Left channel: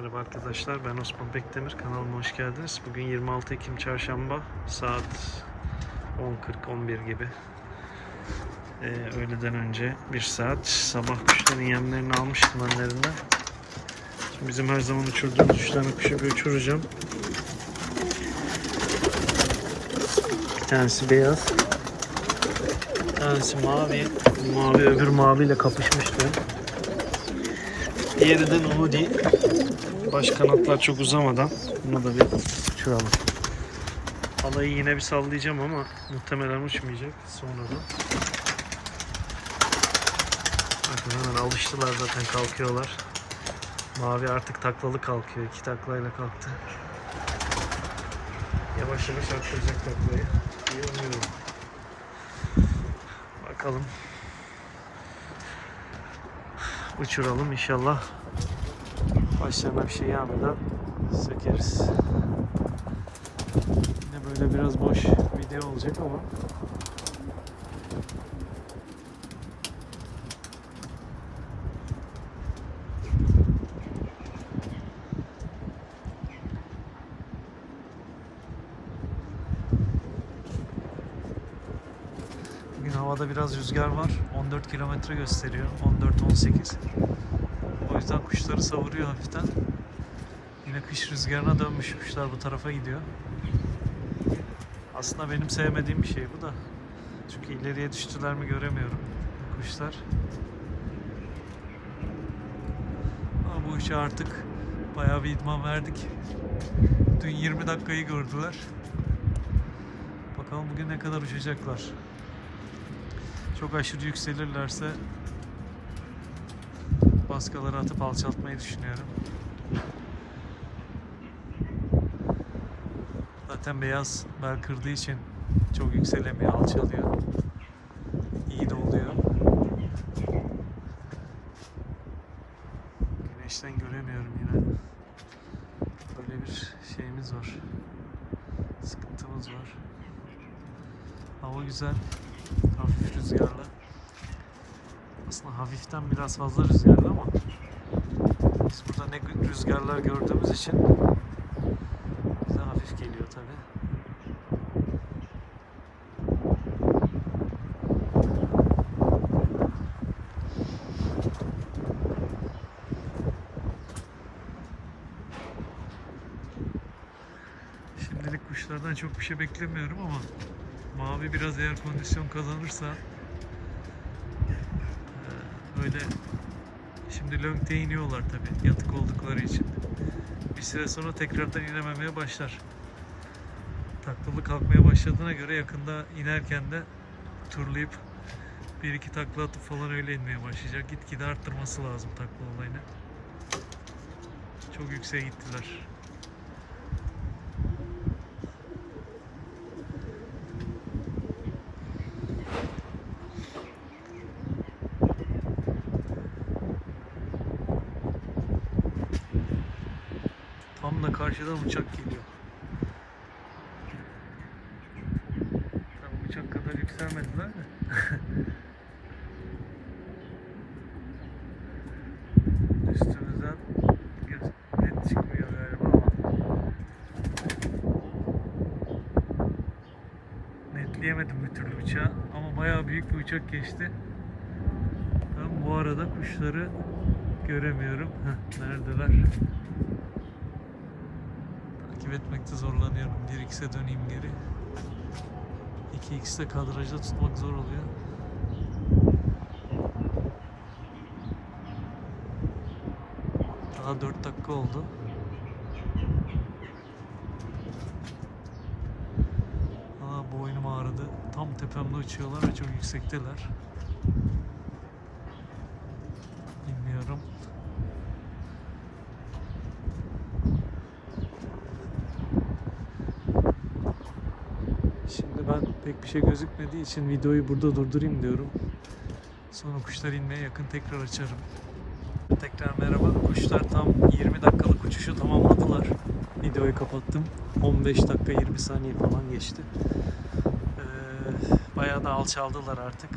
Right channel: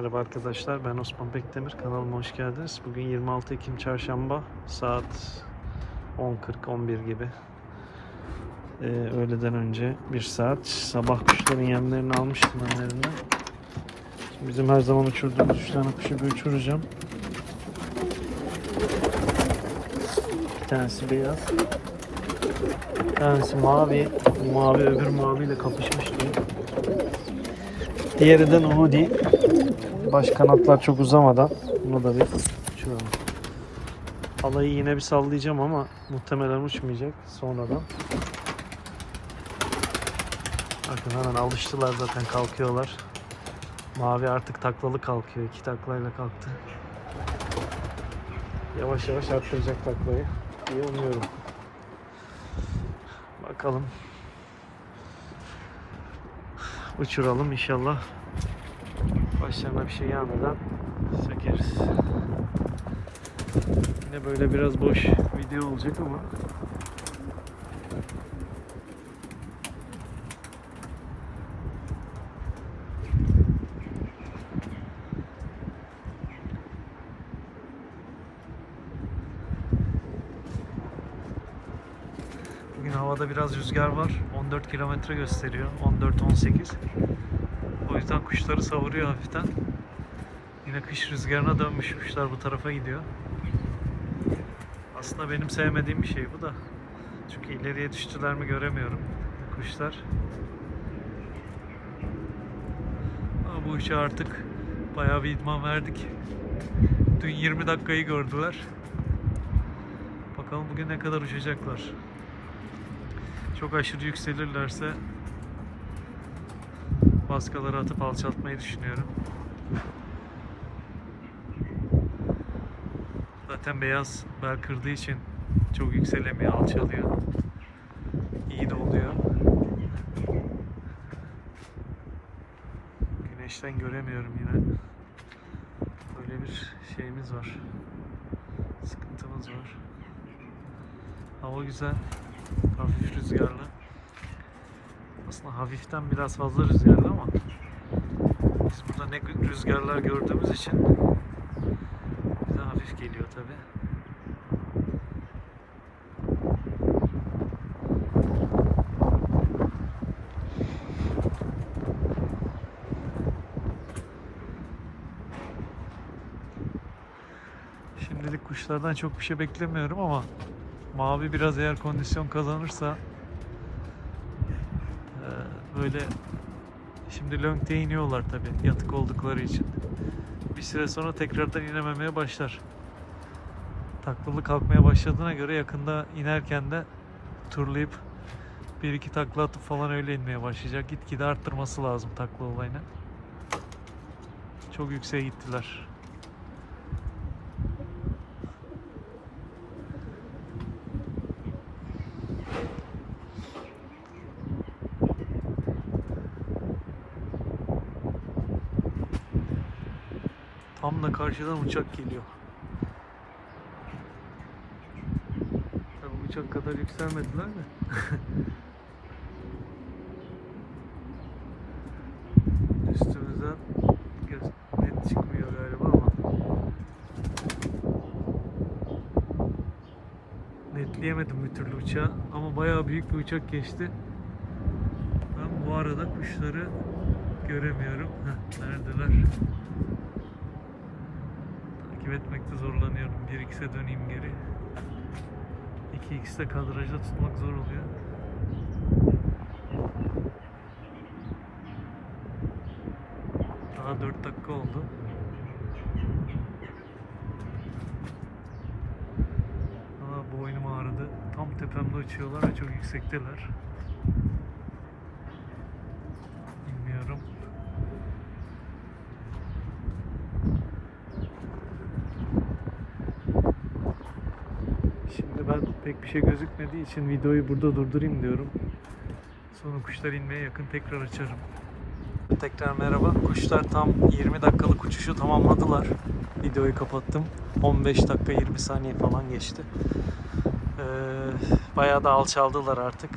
Merhaba arkadaşlar ben Osman Bekdemir kanalıma hoş geldiniz. Bugün 26 Ekim Çarşamba saat 10.40-11 gibi. Ee, öğleden önce bir saat sabah kuşların yemlerini almıştım önlerinden. Şimdi bizim her zaman uçurduğumuz 3 tane kuşu bir uçuracağım. Bir tanesi beyaz. Bir tanesi mavi. Mavi öbür maviyle kapışmıştı. Diğeri de Nudi. Baş kanatlar çok uzamadan bunu da bir uçuralım. Alayı yine bir sallayacağım ama muhtemelen uçmayacak sonradan. Bakın hemen alıştılar zaten kalkıyorlar. Mavi artık taklalı kalkıyor. iki taklayla kalktı. Yavaş yavaş arttıracak taklayı diye umuyorum. Bakalım. Uçuralım inşallah. Başlarına bir şey gelmeden sökeriz. Yine böyle biraz boş video olacak ama Bugün havada biraz rüzgar var. 14 kilometre gösteriyor. 14-18. Yüzden kuşları savuruyor hafiften. Yine kış rüzgarına dönmüş kuşlar bu tarafa gidiyor. Aslında benim sevmediğim bir şey bu da. Çünkü ileriye düştüler mi göremiyorum kuşlar. Ama bu işe artık bayağı bir idman verdik. Dün 20 dakikayı gördüler. Bakalım bugün ne kadar uçacaklar. Çok aşırı yükselirlerse baskaları atıp alçaltmayı düşünüyorum. Zaten beyaz bel kırdığı için çok yükselemiyor, alçalıyor. İyi de oluyor. Güneşten göremiyorum yine. Böyle bir şeyimiz var. Sıkıntımız var. Hava güzel. Hafif rüzgarlı. Aslında hafiften biraz fazla rüzgarlı ama biz burada ne rüzgarlar gördüğümüz için bize hafif geliyor tabi. Şimdilik kuşlardan çok bir şey beklemiyorum ama mavi biraz eğer kondisyon kazanırsa böyle şimdi Lönk'te iniyorlar tabi yatık oldukları için. Bir süre sonra tekrardan inememeye başlar. Taklalı kalkmaya başladığına göre yakında inerken de turlayıp bir iki takla atıp falan öyle inmeye başlayacak. Gitgide arttırması lazım takla olayını. Çok yükseğe gittiler. Da karşıdan uçak geliyor. Tabii uçak kadar yükselmediler de. Üstümüzden net çıkmıyor galiba ama. Netleyemedim bir türlü uçağı ama bayağı büyük bir uçak geçti. Ben bu arada kuşları göremiyorum. Neredeler? Takip etmekte zorlanıyorum. 1x'e döneyim geri. 2x'te kadrajda tutmak zor oluyor. Daha 4 dakika oldu. Aa boynum ağrıdı. Tam tepemde uçuyorlar ve çok yüksekteler. Pek bir şey gözükmediği için videoyu burada durdurayım diyorum. Sonra kuşlar inmeye yakın tekrar açarım. Tekrar merhaba. Kuşlar tam 20 dakikalık uçuşu tamamladılar. Videoyu kapattım. 15 dakika 20 saniye falan geçti. Ee, bayağı da alçaldılar artık.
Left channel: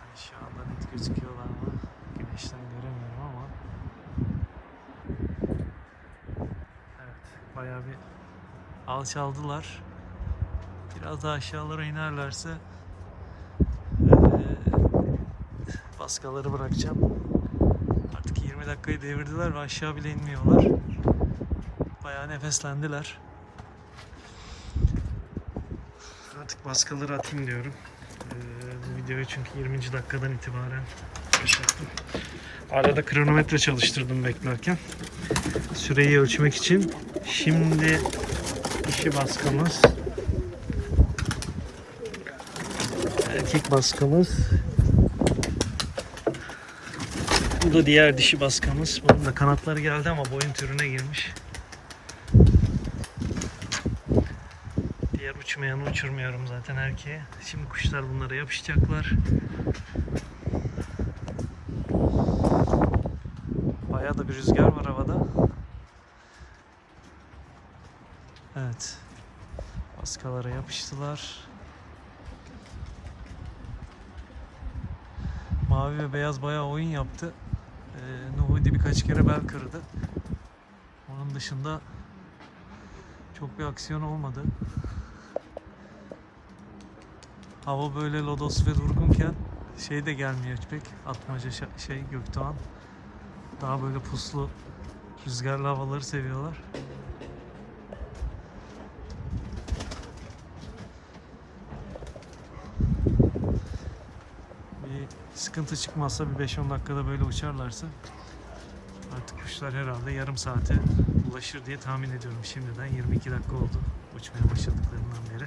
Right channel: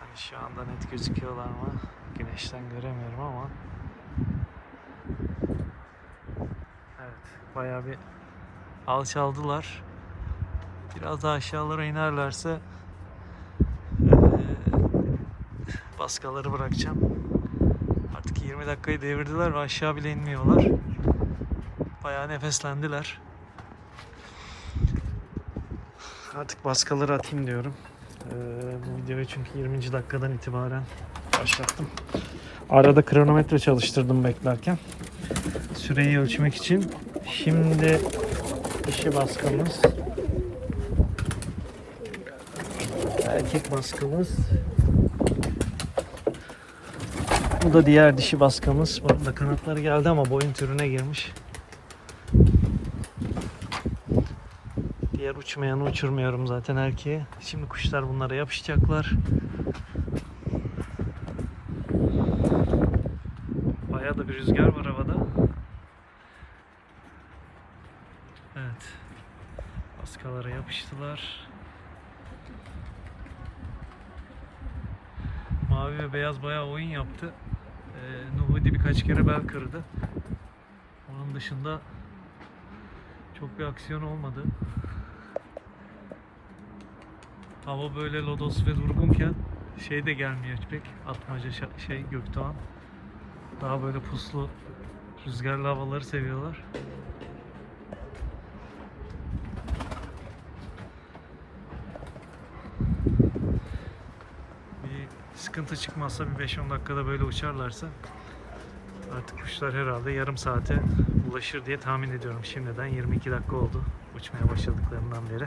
Hani şu anda net gözüküyorlar mı? Güneşten göremiyorum ama. Evet. Bayağı bir alçaldılar. Biraz daha aşağılara inerlerse eee, baskaları bırakacağım. Artık 20 dakikayı devirdiler ve aşağı bile inmiyorlar. Bayağı nefeslendiler. Artık baskaları atayım diyorum. Eee, bu videoyu çünkü 20. dakikadan itibaren başlattım. Arada kronometre çalıştırdım beklerken. Süreyi ölçmek için. Şimdi dişi baskamız. Erkek baskamız. Bu da diğer dişi baskamız. Bunun da kanatları geldi ama boyun türüne girmiş. Diğer uçmayanı uçurmuyorum zaten erkeği. Şimdi kuşlar bunlara yapışacaklar. Bayağı da bir rüzgar var havada. Evet. Baskalara yapıştılar. Mavi ve beyaz bayağı oyun yaptı. Ee, Nuhudi birkaç kere bel kırdı. Onun dışında çok bir aksiyon olmadı. Hava böyle lodos ve durgunken şey de gelmiyor pek. Atmaca şey Gökdoğan. Daha böyle puslu rüzgarlı havaları seviyorlar. Bir sıkıntı çıkmazsa bir 5-10 dakikada böyle uçarlarsa artık kuşlar herhalde yarım saate ulaşır diye tahmin ediyorum. Şimdiden 22 dakika oldu uçmaya başladıklarından beri.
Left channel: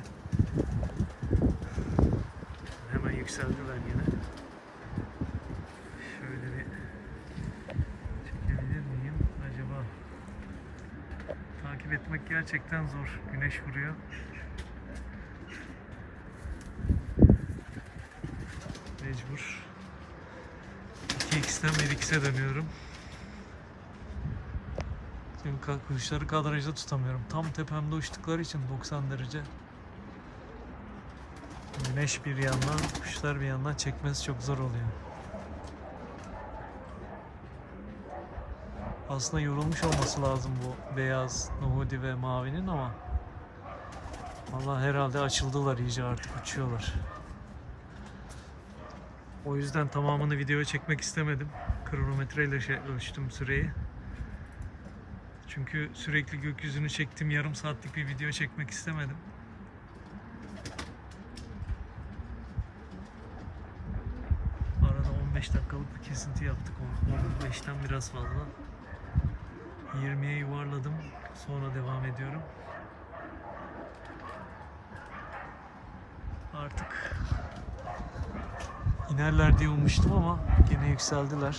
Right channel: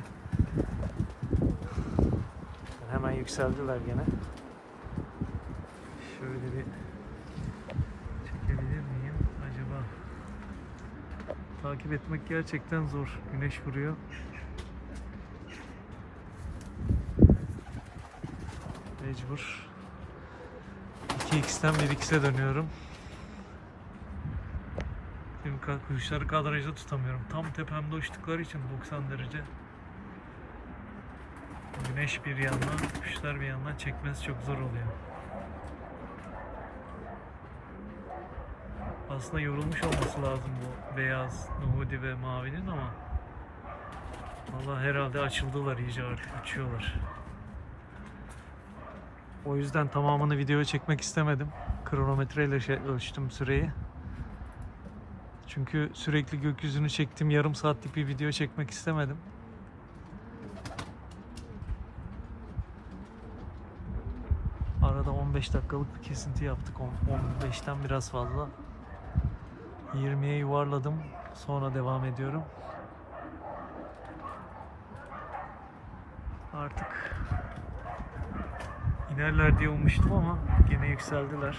Hemen yükseldiler gene. Şöyle bir çekebilir miyim acaba? Takip etmek gerçekten zor. Güneş vuruyor. Mecbur. 2x'ten 1x'e dönüyorum. Ka- kuşları kadrajda tutamıyorum. Tam tepemde uçtukları için 90 derece. Güneş bir yandan, kuşlar bir yandan çekmesi çok zor oluyor. Aslında yorulmuş olması lazım bu beyaz, nuhudi ve mavinin ama Vallahi herhalde açıldılar iyice artık uçuyorlar. O yüzden tamamını videoya çekmek istemedim. Kronometreyle şey ölçtüm süreyi. Çünkü sürekli gökyüzünü çektim. Yarım saatlik bir video çekmek istemedim. Arada 15 dakikalık bir kesinti yaptık. On- 15'ten biraz fazla. 20'ye yuvarladım. Sonra devam ediyorum. Artık inerler diye ummuştum ama gene yükseldiler.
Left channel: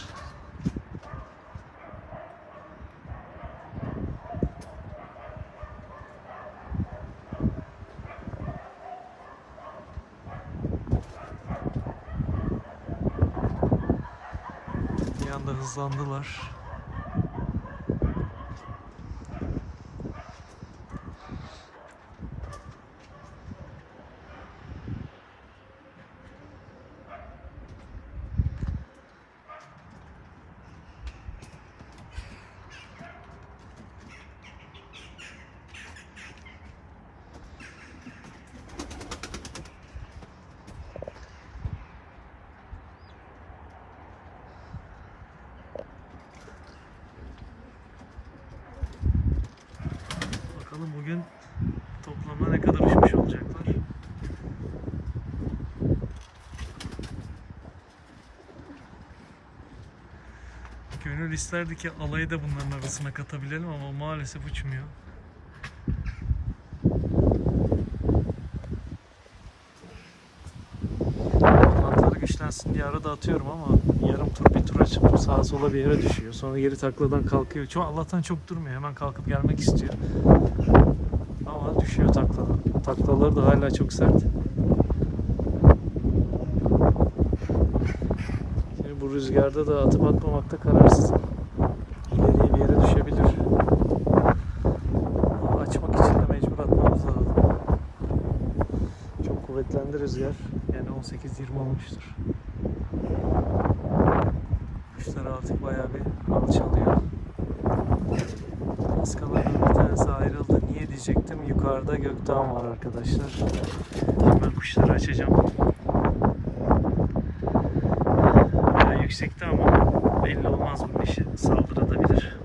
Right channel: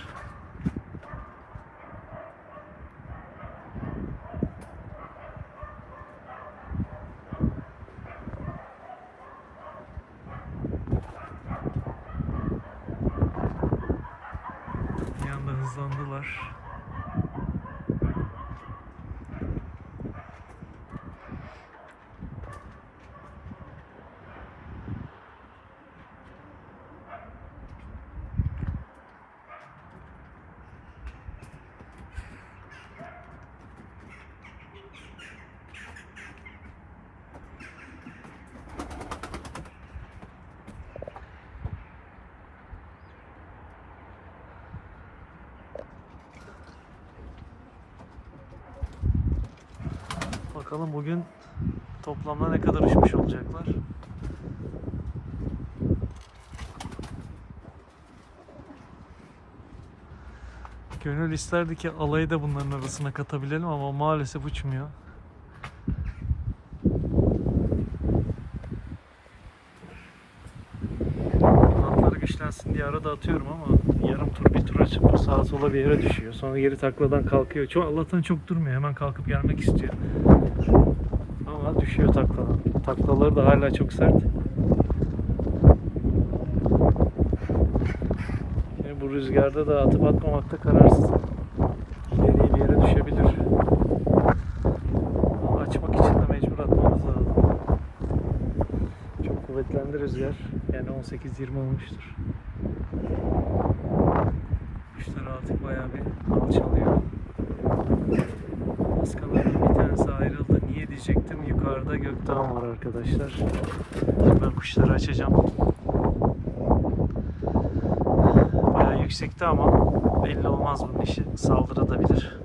Bir anda hızlandılar. Bakalım bugün toplamda ne kadar uçmuş olacaklar. Gönül isterdi ki alayı da bunların arasına katabilelim ama maalesef uçmuyor. Kanatları güçlensin diye arada atıyorum ama yarım tur bir sağa sola bir yere düşüyor. Sonra geri takladan kalkıyor. Çok Allah'tan çok durmuyor. Hemen kalkıp gelmek istiyor. Ama düşüyor takladan. Taklaları da hala çok sert. Şimdi bu rüzgarda da atıp atmamakta kararsızım. İleriye bir yere düşebilir. Açmak için de mecbur atmamız lazım. Çok kuvvetlendi rüzgar. Yani 18-20 olmuştur. Kuşlar artık bayağı bir alçalıyor. Baskaların bir tanesi ayrıldı. Yukarıda gökdağ var arkadaşlar. Ben kuşları açacağım. Yani yüksekte ama belli olmaz bunun işi. Saldırabilir.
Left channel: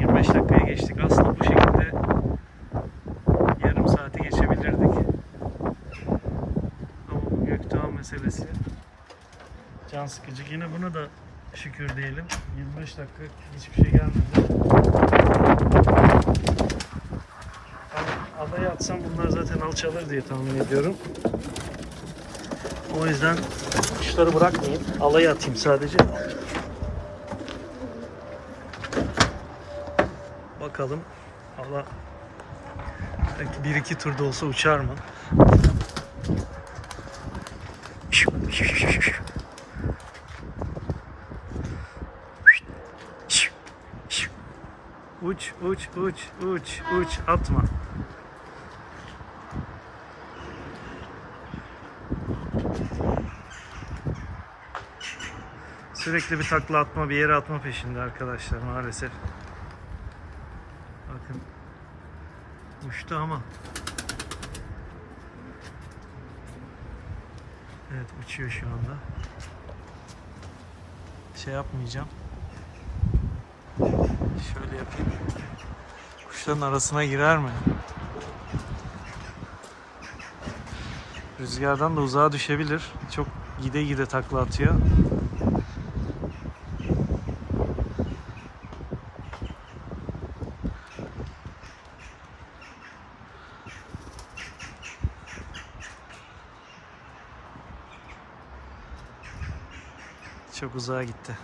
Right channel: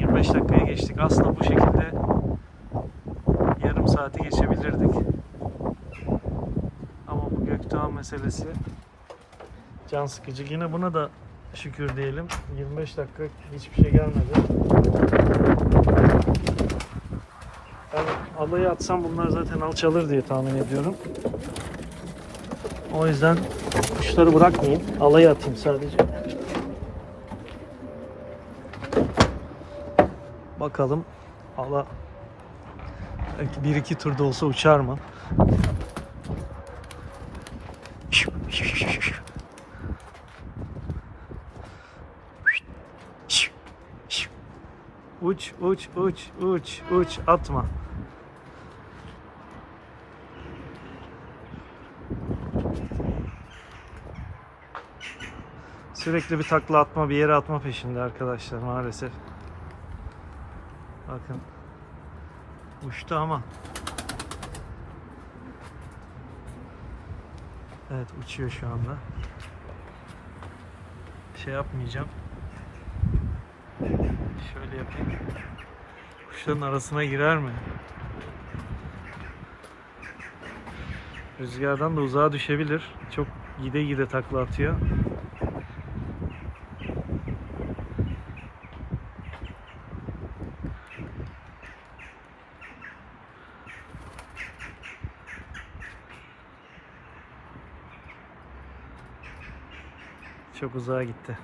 25 dakikaya geçtik. Aslında bu şekilde yarım saati geçebilirdik. Ama bu gökdağ meselesi can sıkıcı. Yine buna da şükür diyelim. 25 dakika hiçbir şey gelmedi. Ben alayı atsam bunlar zaten alçalır diye tahmin ediyorum. O yüzden kuşları bırakmayayım. Alayı atayım sadece. Bakalım ala bir iki turda olsa uçar mı? Uç, uç, uç, uç, uç, atma. Sürekli bir takla atma, bir yere atma peşinde arkadaşlar maalesef. Bakın. Uçtu ama. Evet uçuyor şu anda. Şey yapmayacağım. Şöyle yapayım. Kuşların arasına girer mi? Rüzgardan da uzağa düşebilir. Çok gide gide takla atıyor. Çok uzağa gitti.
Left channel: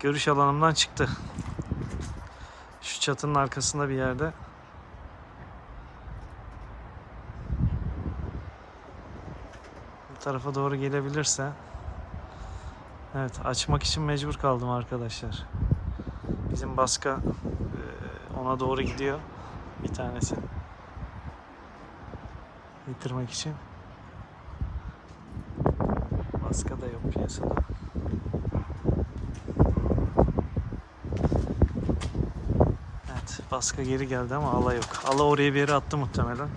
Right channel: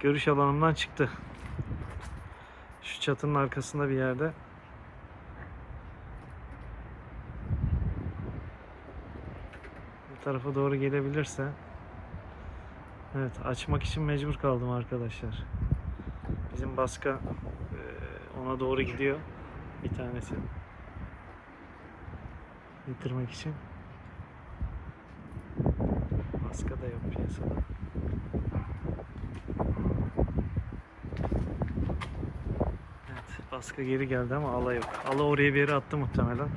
Görüş alanımdan çıktı. Şu çatının arkasında bir yerde. Bu tarafa doğru gelebilirse. Evet açmak için mecbur kaldım arkadaşlar. Bizim baska eee, ona doğru gidiyor. Bir tanesi. Getirmek için. Baska da yok piyasada. Baska geri geldi ama ala yok. Ala oraya bir yere attı muhtemelen.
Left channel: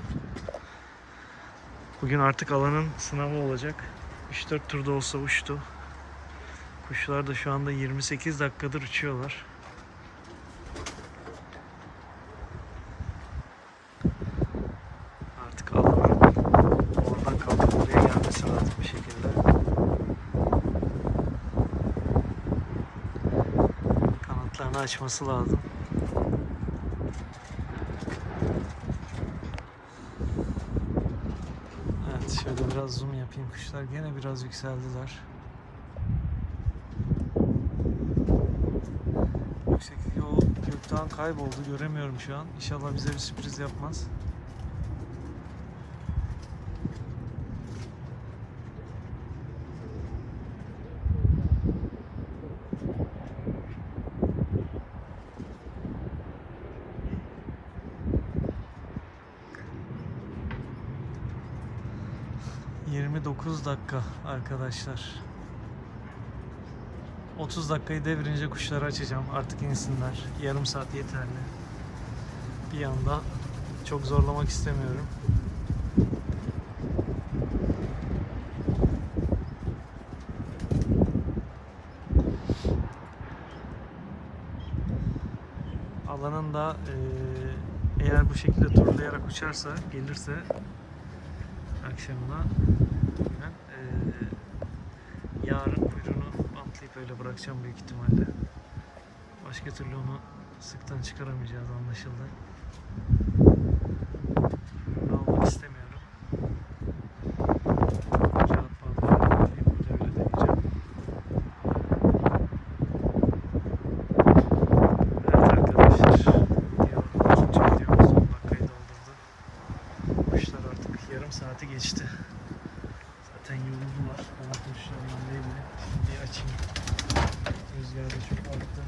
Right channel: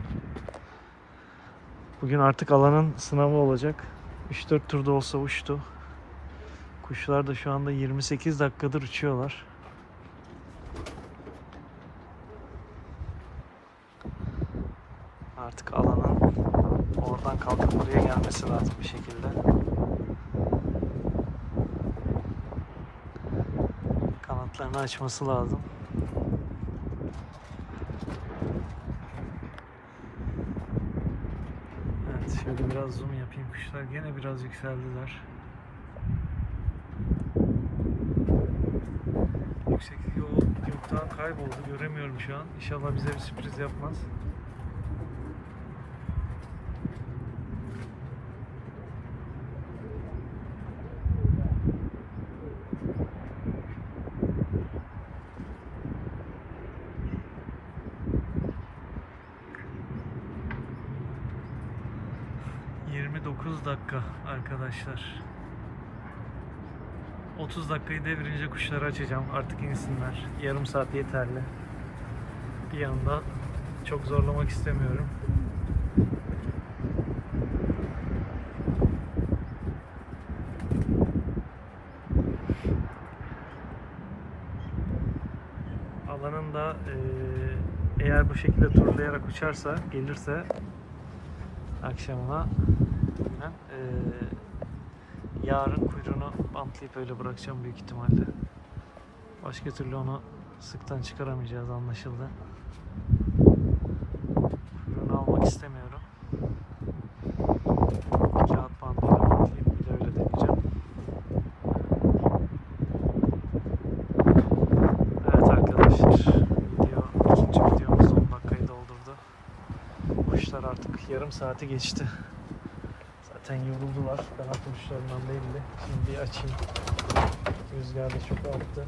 Bugün artık alanın sınavı olacak. 3-4 turda olsa uçtu. Kuşlar da şu anda 28 dakikadır uçuyorlar. Artık alanın oradan kalkıp buraya gelmesi lazım bir şekilde. Kanatlarını açması lazım. Evet şöyle biraz zoom yapayım. Kuşlar gene biraz yükseldiler. Yükseklik o gökten kayboldu. Göremiyorum şu an. İnşallah bize bir sürpriz yapmaz. ...29 dakika arkadaşlar. 30 dakikayı devirince kuşları açacağım. Artık insinler. Yarım saat yeterli. Bir anda çok zorlamak istemiyorum. Alanın da eee, eğer bu şekilde turlayarak uçarsa, gelirse akşamına günen eee yarın kuyruğunu bantlayıp öyle bırakacağım büyük ihtimalle. Başka türlü onu sıktan çıkaramayacağız anlaşıldı. Kuyruğunu almak istemiyorum. Kağıt bantla bantlayıp bir de öyle deneyeceğim. Evet arkadaşlar, video, ikinci videomuz 10 dakikayı doldurdu. Kuşlar artık yarım saati geçti zaten yoruldular. Ben atmışlarından değildi. Şimdi açayım. Rüzgar da çok arttı.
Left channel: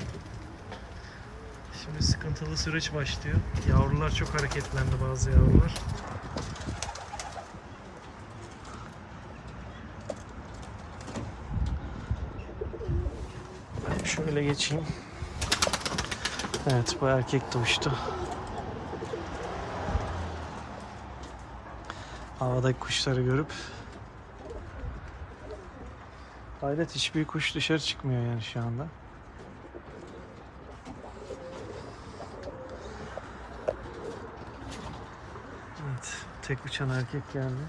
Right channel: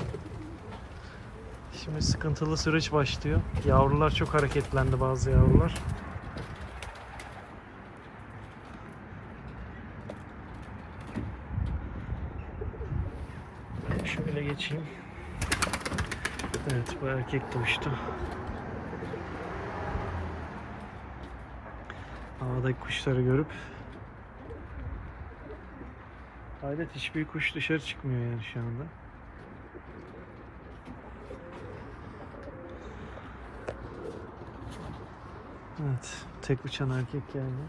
Şimdi sıkıntılı süreç başlıyor. Yavrular çok hareketlendi bazı yavrular. Şöyle geçeyim. Evet bu erkek doğuştu. Havadaki kuşları görüp Hayret hiçbir kuş dışarı çıkmıyor yani şu anda. Evet, tek uçan erkek geldi.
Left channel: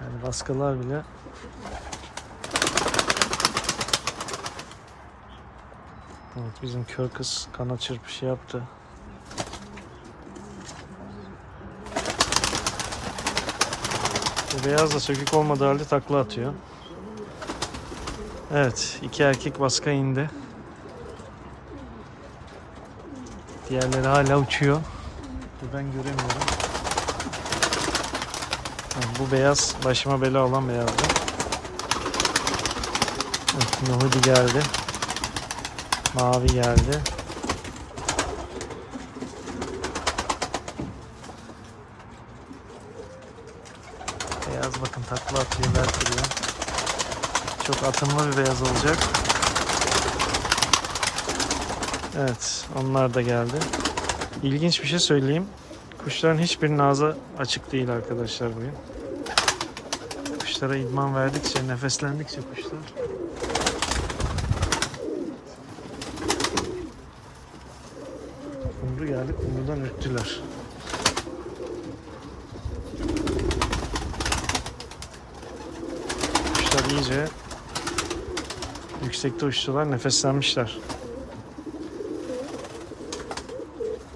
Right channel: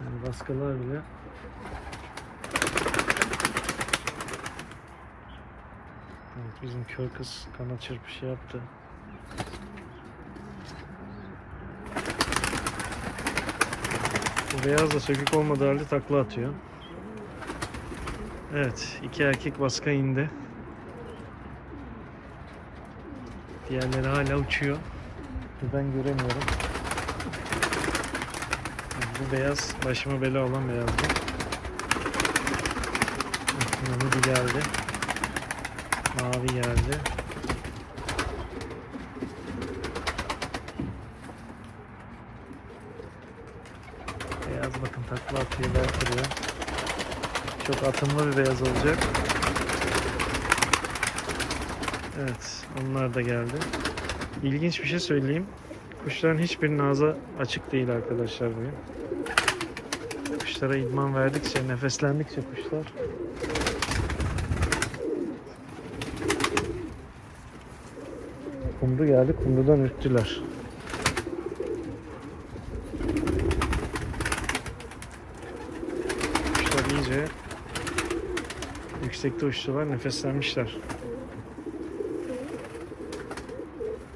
Yani baskılar bile Evet bizim kör kız kanat çırpışı yaptı. Beyaz da sökük olmadığı halde takla atıyor. Evet iki erkek baska indi. Diğerleri hala uçuyor. Ben göremiyorum. Bu beyaz başıma bela olan beyazdı. Evet, Nuhudi geldi. Mavi geldi. Beyaz bakın takla atıyor, bel. Çok atımlı bir beyaz olacak. Evet, onlar da geldi. İlginç bir şey söyleyeyim. Kuşların hiçbirinin ağzı açık değil arkadaşlar bugün. Kuşlara idman verdikçe, nefeslendikçe kuşlar Kumru geldi, kumrudan ürktüler. İyice yüksekte uçtular, nefeslenmişler.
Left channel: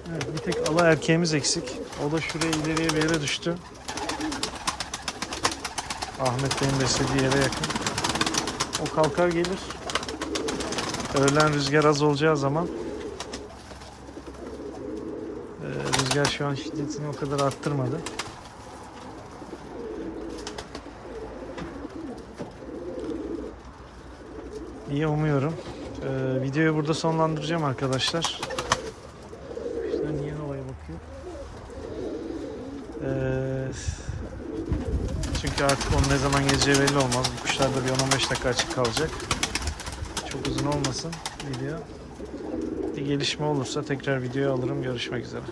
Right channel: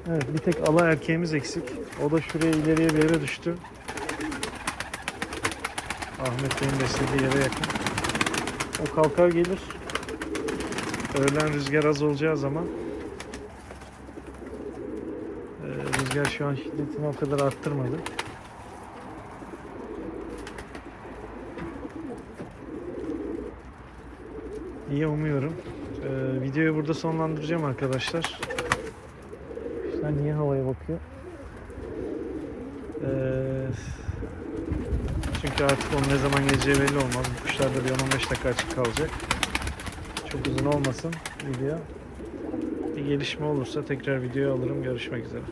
Evet, bir tek ala erkeğimiz eksik. O da şuraya ileriye bir yere düştü. Ahmet Bey'in beslediği yere yakın. O kalkar gelir. Öğlen rüzgar az olacağı zaman ee, rüzgar şu an şiddetini o kadar arttırmadı. İyi umuyorum. Ee, videoyu burada sonlandıracağım arkadaşlar. Kuşlar niye havaya bakıyor? Ee, çünkü artık onun ne zaman geleceği belli olmaz. Bu kuşlar da bir 10-15 dakika açık kalacak. Çok uzun olmasın video. Bir gelişme olursa tekrar videoya alırım. Görüşmek üzere.